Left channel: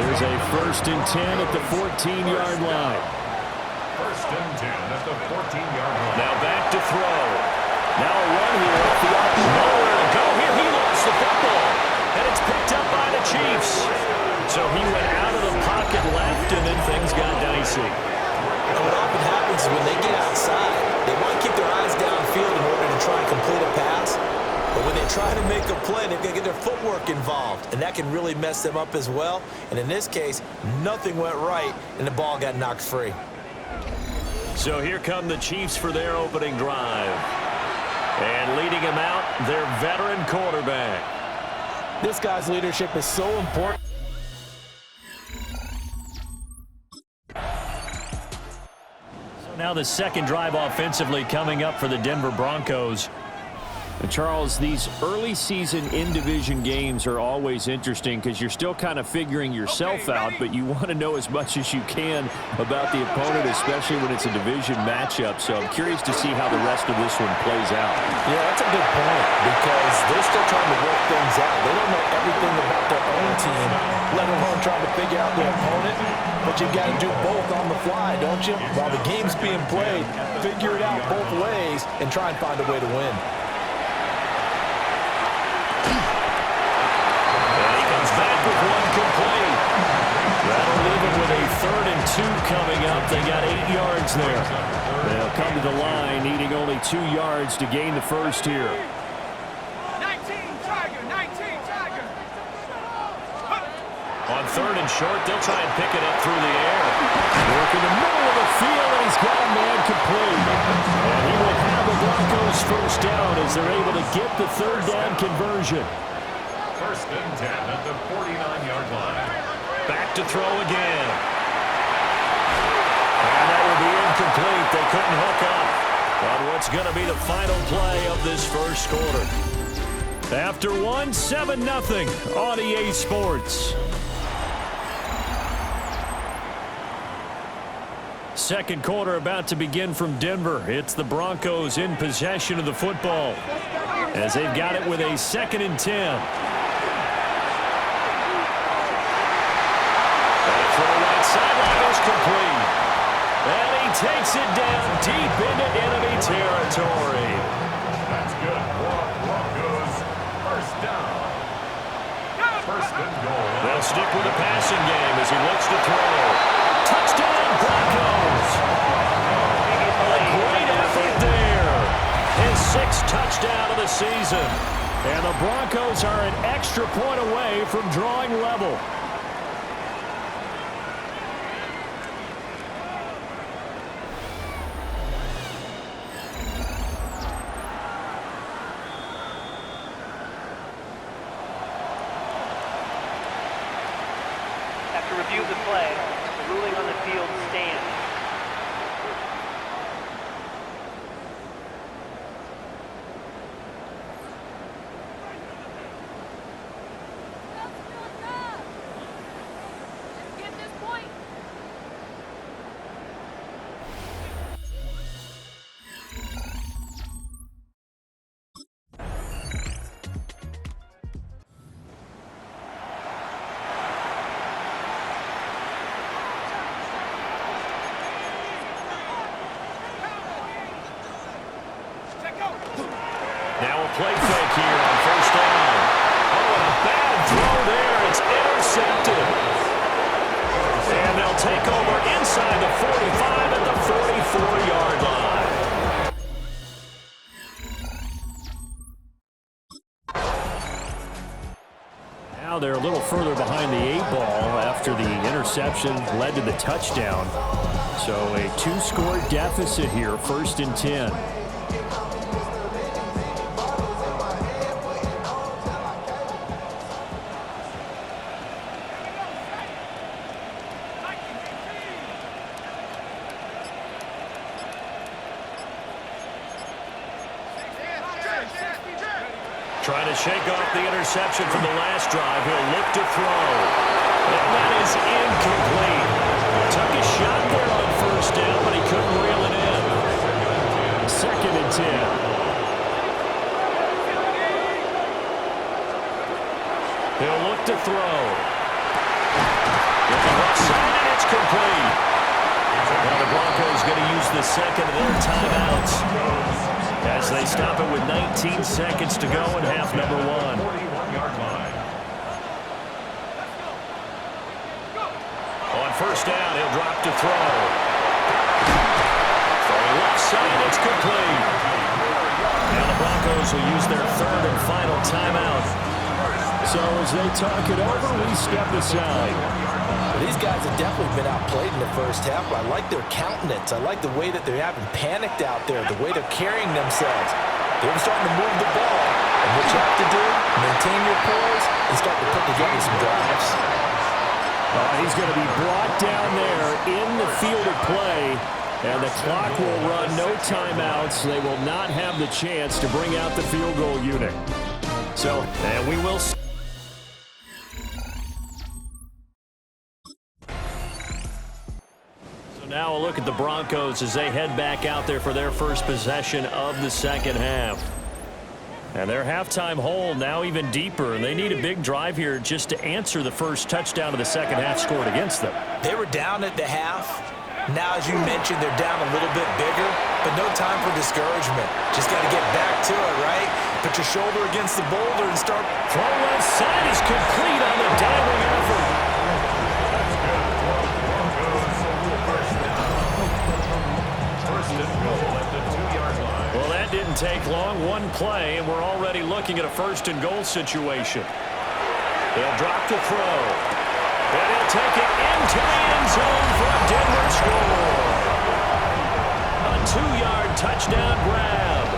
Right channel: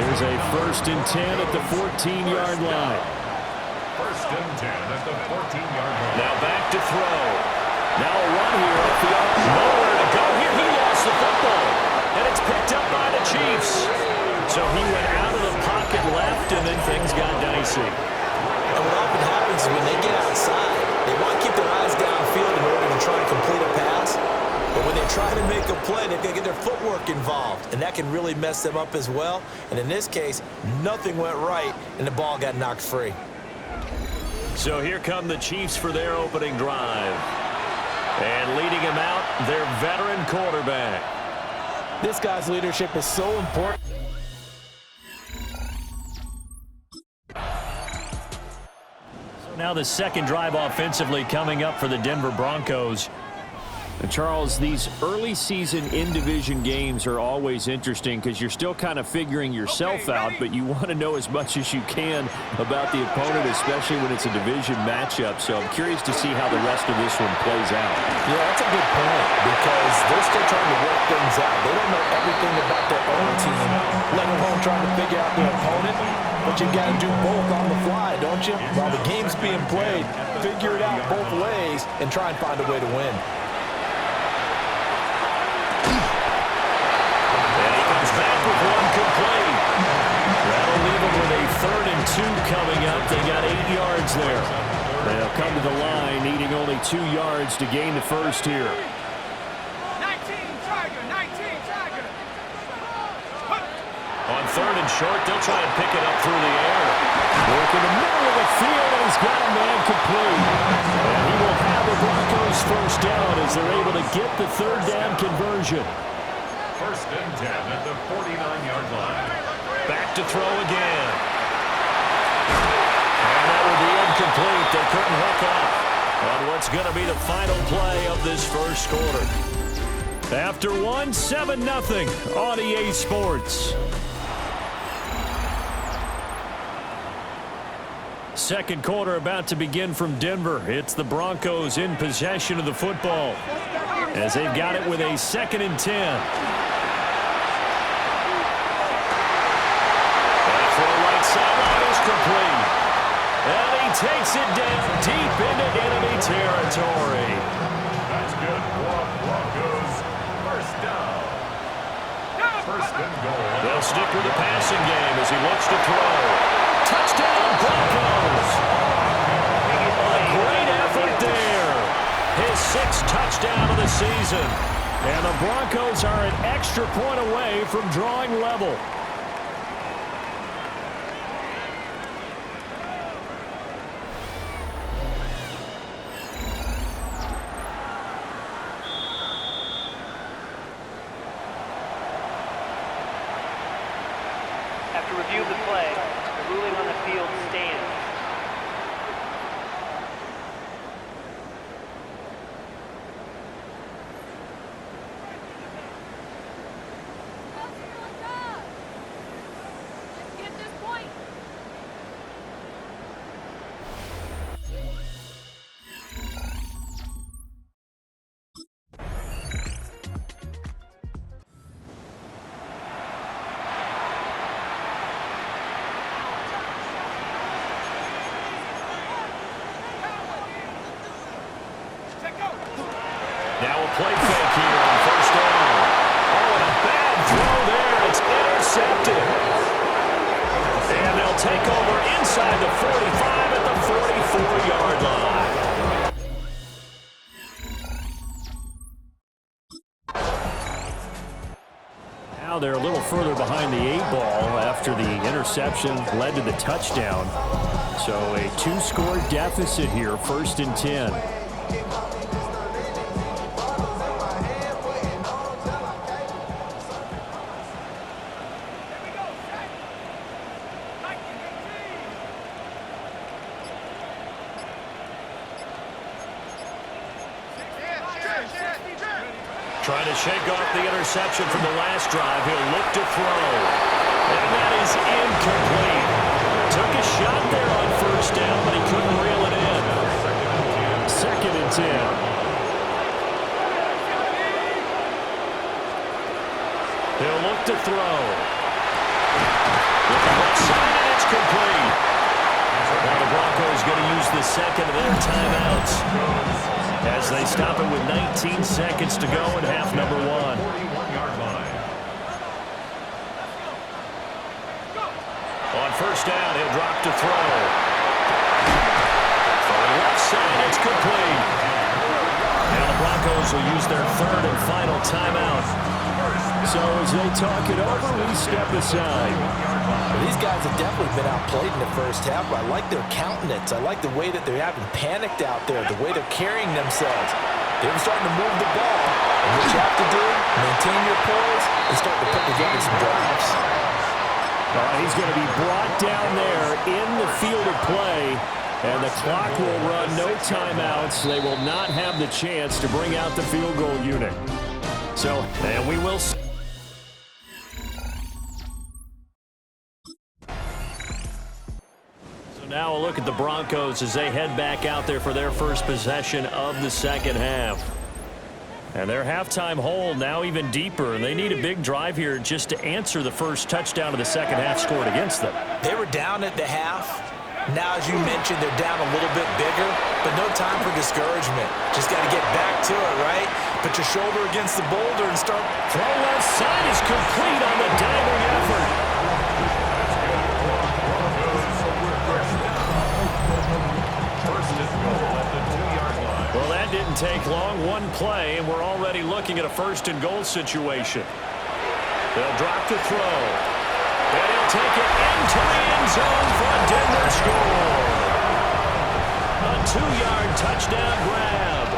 Here's a 1st and 10 at the 14-yard line. 1st and 10 at the 14-yard line. Now back to throw. Now a run here up the up. Nowhere to go here. He lost the football. And it's picked up by the Chiefs. So he went out of the pocket left, and then things got dicey. And what often happens is when they get outside, they want to keep their eyes downfield in order to try and complete a pass. But when they try to make a play, they've got to get their footwork involved. And that can really mess them up as well. And in this case, nothing went right, and the ball got knocked free. So here come the Chiefs for their opening drive. And leading him out, their veteran quarterback. This guy's leadership is so important. So now the second drive offensively coming up for the Denver Broncos. And Charles, these early season in-division games are always interesting because you're still kind of figuring yourself out, but you want to know as much as you can about the opponent, especially when it's a division matchup. So I'm curious to see how the rest of this one plays out. Yeah, that's a good point because they're still trying to work things out. They don't know everything about their own team, let alone trying to figure out their opponent. But you got to do both on the fly, don't you? While the game's being played, figure it out both ways and try and find a way to win. Back with one complete. That'll leave them with a 3rd and 2 coming up. They got 8 yards there. They'll come to the line needing only 2 yards to gain the first here. 19 Tiger. On 3rd and short, they'll try and pick it up through the air. Work in the middle of the field, and he's got a man complete. And he will have the Broncos first down as they're able to get the 3rd down conversion. 1st and 10 at the 49-yard line. Back to throw again. And that will be incomplete. They couldn't hook up on what's going to be the final play of this first quarter. After 7-0 on EA Sports. Second quarter about to begin from Denver. It's the Broncos in possession of the football as they've got it with a 2nd and 10. Sideline is complete. And he takes it down deep into enemy territory. That's good. Broncos, 1st down. 1st and goal. They'll stick with the passing game as he looks to throw. Touchdown, Broncos. A great effort there. His 6th touchdown of the season. And the Broncos are an extra point away from drawing level. After review of the play, the ruling on the field stands. Let's get this point. Now a play fake here on 1st down. Oh, and a bad throw there. It's intercepted. And they'll take over inside the 45 at the 44-yard line. Now they're a little further behind the 8-ball after the interception led to the touchdown. So a 2-score deficit here, 1st and 10. Trying to shake off the interception from the last drive. He'll look to throw. And that is incomplete. Took a shot there on 1st down, but he couldn't reel it in. 2nd and 10. He'll look to throw. Looking left side, and it's complete. Now the Broncos going to use the second of their timeouts as they stop it with 19 seconds to go in half number one. 41-yard line. On first down, he'll drop to throw. Throwing left side, it's complete. Now the Broncos will use their third and final timeout. So as they talk it over, we step aside. Well, these guys have definitely been outplayed in the first half. I like their countenance. I like the way that they're having panicked out there, the way they're carrying themselves. They're starting to move the ball. And what you have to do, maintain your poise and start to put together some drives. He's going to be brought down there in the field of play. And the clock will run, no timeouts. They will not have the chance to bring out the field goal unit. So, and we will see. So now a look at the Broncos as they head back out there for their first possession of the second half. And their halftime hole now even deeper. And they need a big drive here just to answer the first touchdown of the second half scored against them. They were down at the half. Now, as you mentioned, they're down a little bit bigger, but no time for discouragement. Just got to get back to it, right? Put your shoulder against the boulder and start. Throw left side is complete on the diving effort. That's good. Broncos first down. First and goal at the 2-yard line. Well, that didn't take long. One play, and we're already looking at a first and goal situation. They'll drop to throw. And he'll take it into the end zone for a Denver score. A 2-yard touchdown grab.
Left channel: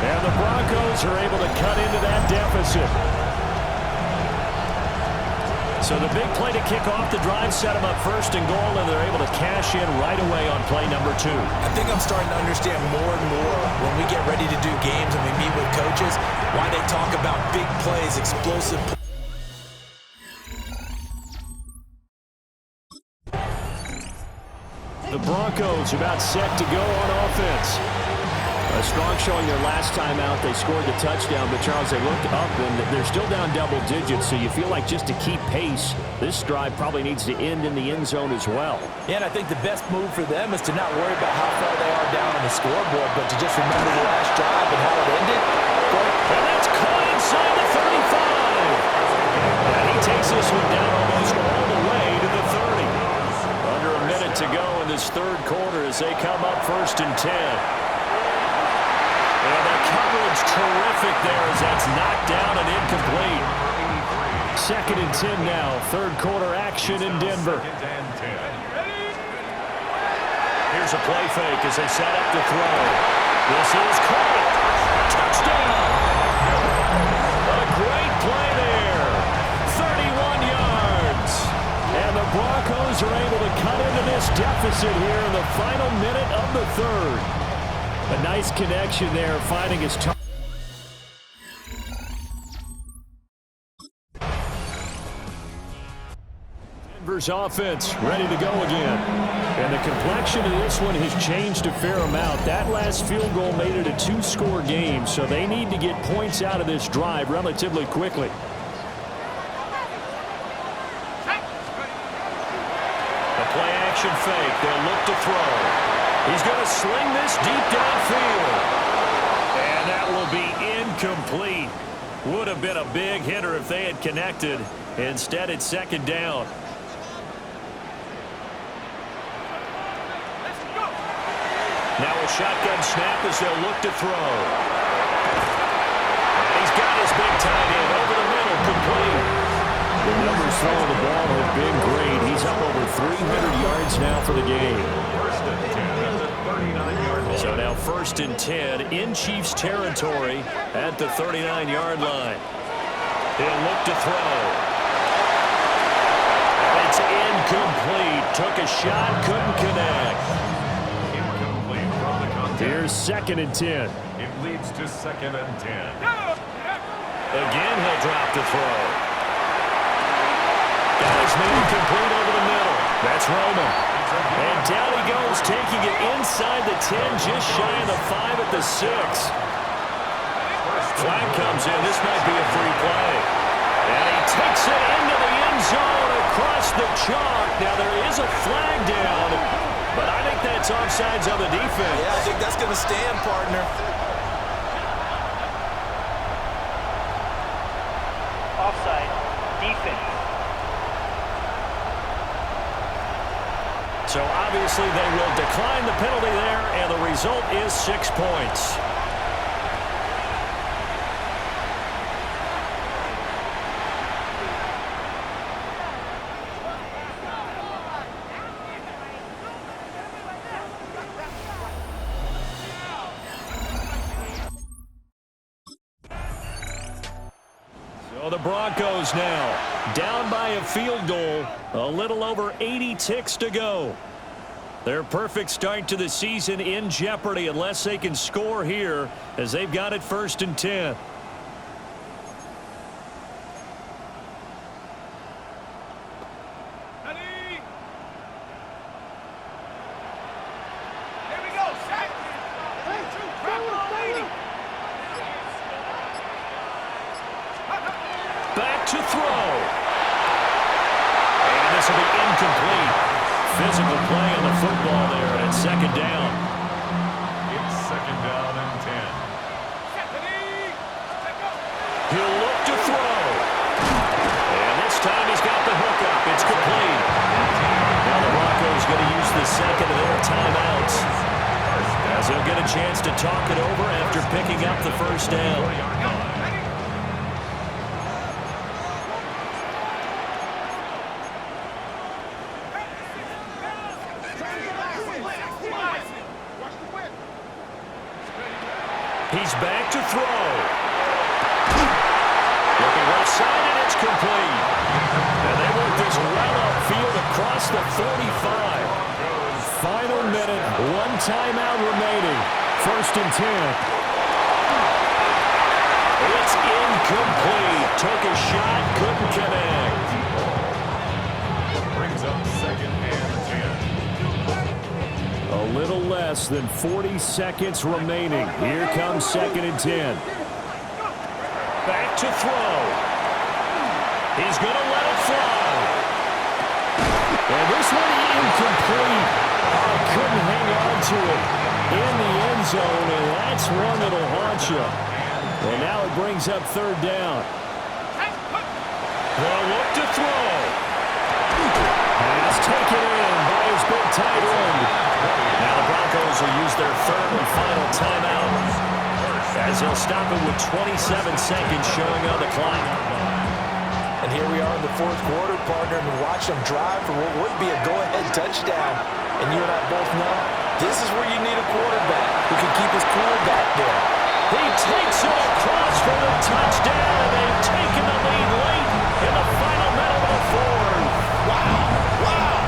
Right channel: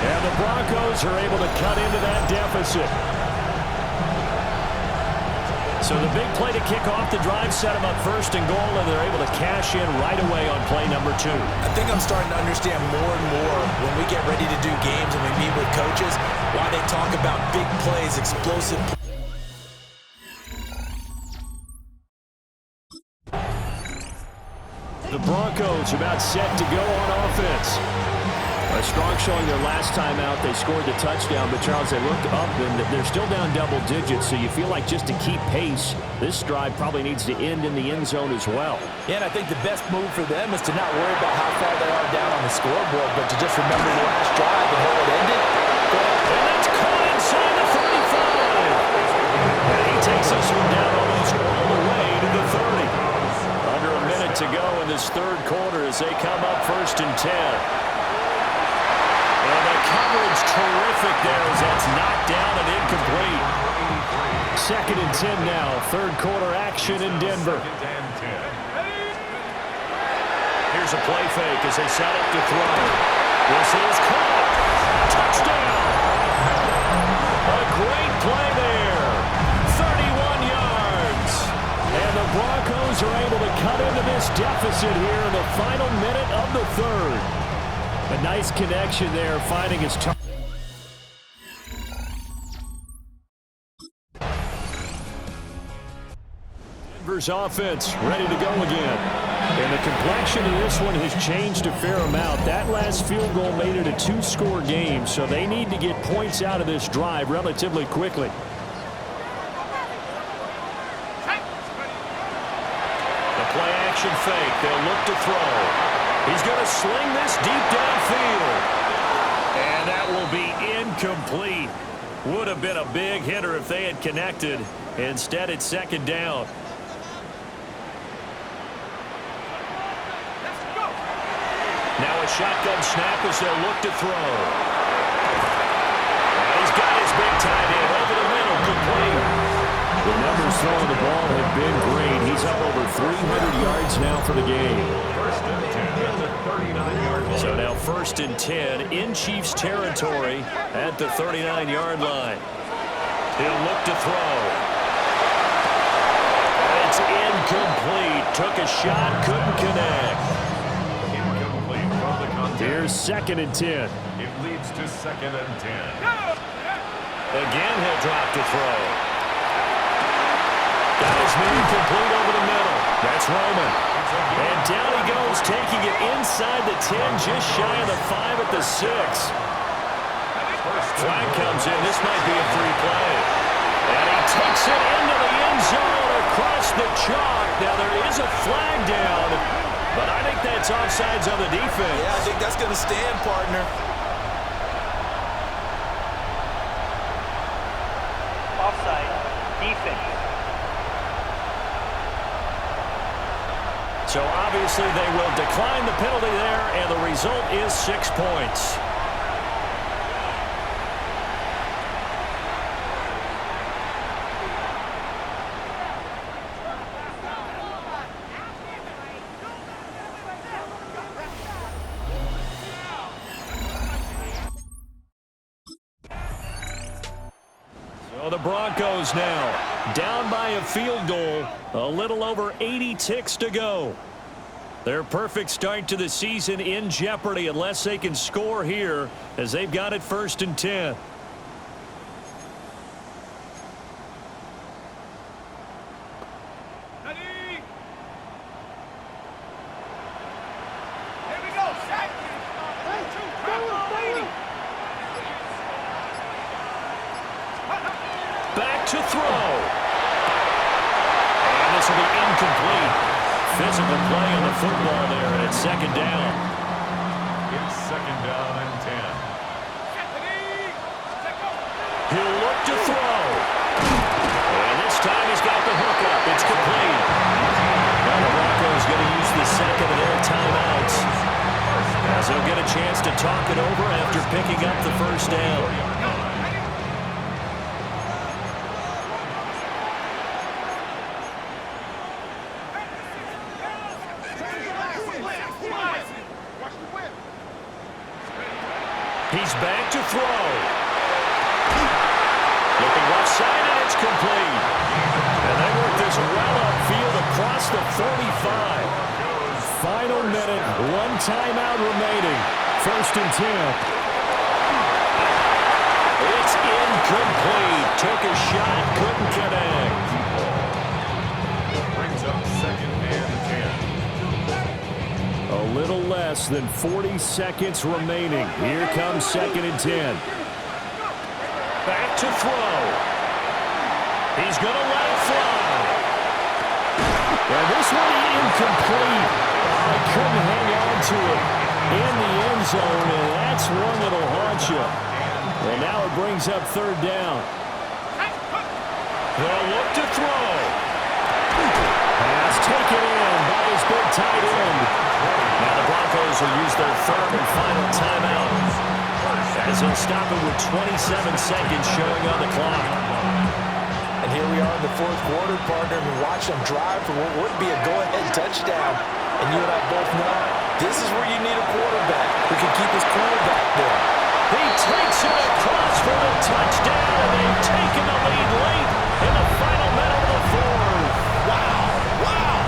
And the Broncos are able to cut into that deficit. So the big play to kick off the drive set them up first and goal, and they're able to cash in right away on play number 2. I think I'm starting to understand more and more when we get ready to do games and we meet with coaches why they talk about big plays, explosive plays. The Broncos about set to go on offense. A strong showing their last time out. They scored the touchdown, but Charles, they looked up and they're still down double digits, so you feel like just to keep pace, this drive probably needs to end in the end zone as well. Yeah, and I think the best move for them is to not worry about how far they are down on the scoreboard, but to just remember the last drive and how it ended. Go ahead. And that's caught inside the 35. And he takes this one down almost all the way to the 30. Under a minute to go in this third quarter as they come up first and 10. And the coverage terrific there as that's knocked down and incomplete. Second and 10 now. Third quarter action in Denver. Here's a play fake as they set up to throw. This is caught. Touchdown. A great play there. 31 yards. And the Broncos are able to cut into this deficit here in the final minute of the third. A nice connection there, finding his target. Denver's offense ready to go again. And the complexion of this one has changed a fair amount. That last field goal made it a 2-score game, so they need to get points out of this drive relatively quickly. The play action fake. They'll look to throw. He's going to sling this deep downfield. And that will be incomplete. Would have been a big hitter if they had connected. Instead, it's second down. Now a shotgun snap as they'll look to throw. And he's got his big tight end over the middle, complete. The numbers throwing the ball have been great. He's up over 300 yards now for the game. First and 10 at the 39-yard line. So now first and 10 in Chiefs territory at the 39-yard line. He'll look to throw. And it's incomplete. Took a shot, couldn't connect. Incomplete from the contest. Here's second and 10. It leads to second and 10. Again, he'll drop to throw. Got his man complete over the middle. That's Roman. And down he goes, taking it inside the 10, just shy of the 5 at the 6. Flag comes in. This might be a free play. And he takes it into the end zone across the chalk. Now there is a flag down, but I think that's offsides on the defense. Yeah, I think that's going to stand, partner. Offside. Defense. So obviously they will decline the penalty there, and the result is 6 points. So the Broncos now down by a field goal, a little over 80 ticks to go. Their perfect start to the season in jeopardy unless they can score here, as they've got it 1st and 10. Here we go, Shaq. Back to throw. And this will be incomplete. Physical play on the football there, and it's 2nd down. It's 2nd down and 10. He'll look to throw. And this time he's got the hook up. It's complete. Now the Broncos going to use the 2nd of their timeouts, as they'll get a chance to talk it over after picking up the 1st down. He's back to throw. Looking left side, and it's complete. And they work this well upfield across the 45. Final minute, 1 timeout remaining. 1st and 10. It's incomplete. Took a shot, couldn't connect. Brings up 2nd and 10. A little less than 40 seconds remaining. Here comes 2nd and 10. Back to throw. He's going to let it fly. And this one incomplete. I couldn't hang on to it in the end zone, and that's one that'll haunt you. And now it brings up 3rd down. They'll look to throw. Pass taken in by his big tight end. Now the Broncos will use their 3rd and final timeout, as they'll stop it with 27 seconds showing on the clock. And here we are in the 4th quarter, partner, and watch them drive for what would be a go-ahead touchdown. And you and I both know this is where you need a quarterback who can keep his cool back there. He takes it across for the touchdown, and they've taken the lead late in the final minute of the 4th. Wow! Wow!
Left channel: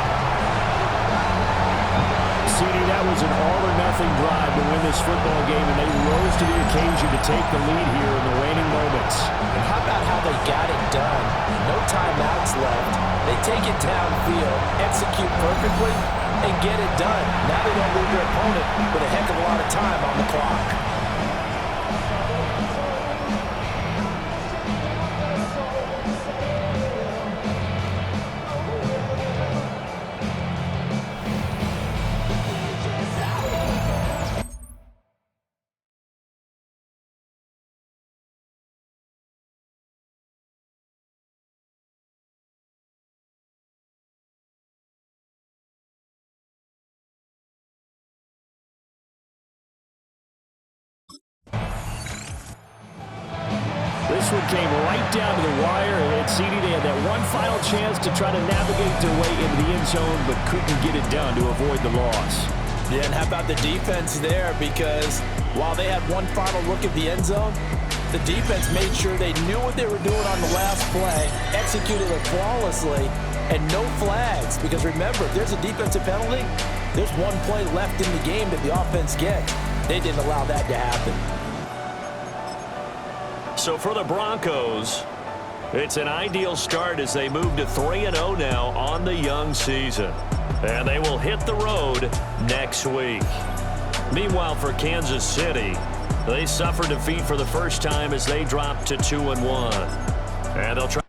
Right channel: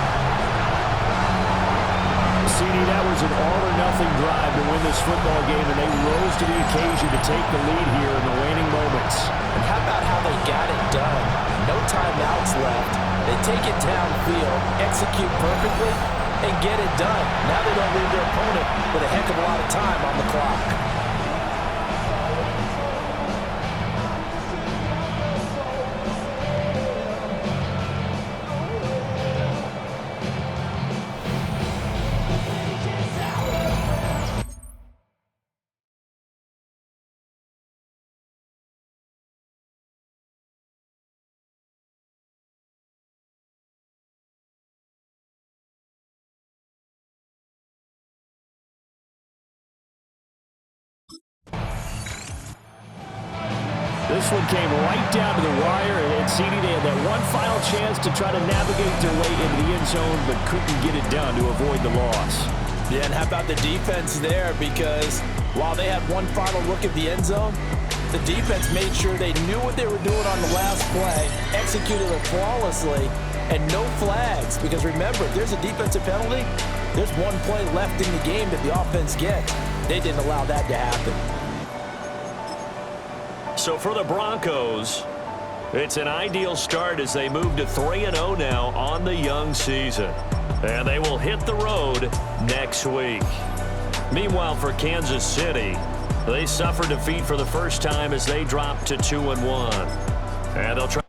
CD, that was an all-or-nothing drive to win this football game, and they rose to the occasion to take the lead here in the waning moments. And how about how they got it done? No timeouts left. They take it downfield, execute perfectly, and get it done. Now they don't leave their opponent with a heck of a lot of time on the clock. This one came right down to the wire, and CD, they had that one final chance to try to navigate their way into the end zone, but couldn't get it done to avoid the loss. Yeah, and how about the defense there? Because while they had one final look at the end zone, the defense made sure they knew what they were doing on the last play, executed it flawlessly, and no flags. Because remember, if there's a defensive penalty, there's one play left in the game that the offense gets. They didn't allow that to happen. So for the Broncos, it's an ideal start as they move to 3-0 now on the young season. And they will hit the road next week. Meanwhile, for Kansas City, they suffered defeat for the first time as they dropped to 2-1. And they'll try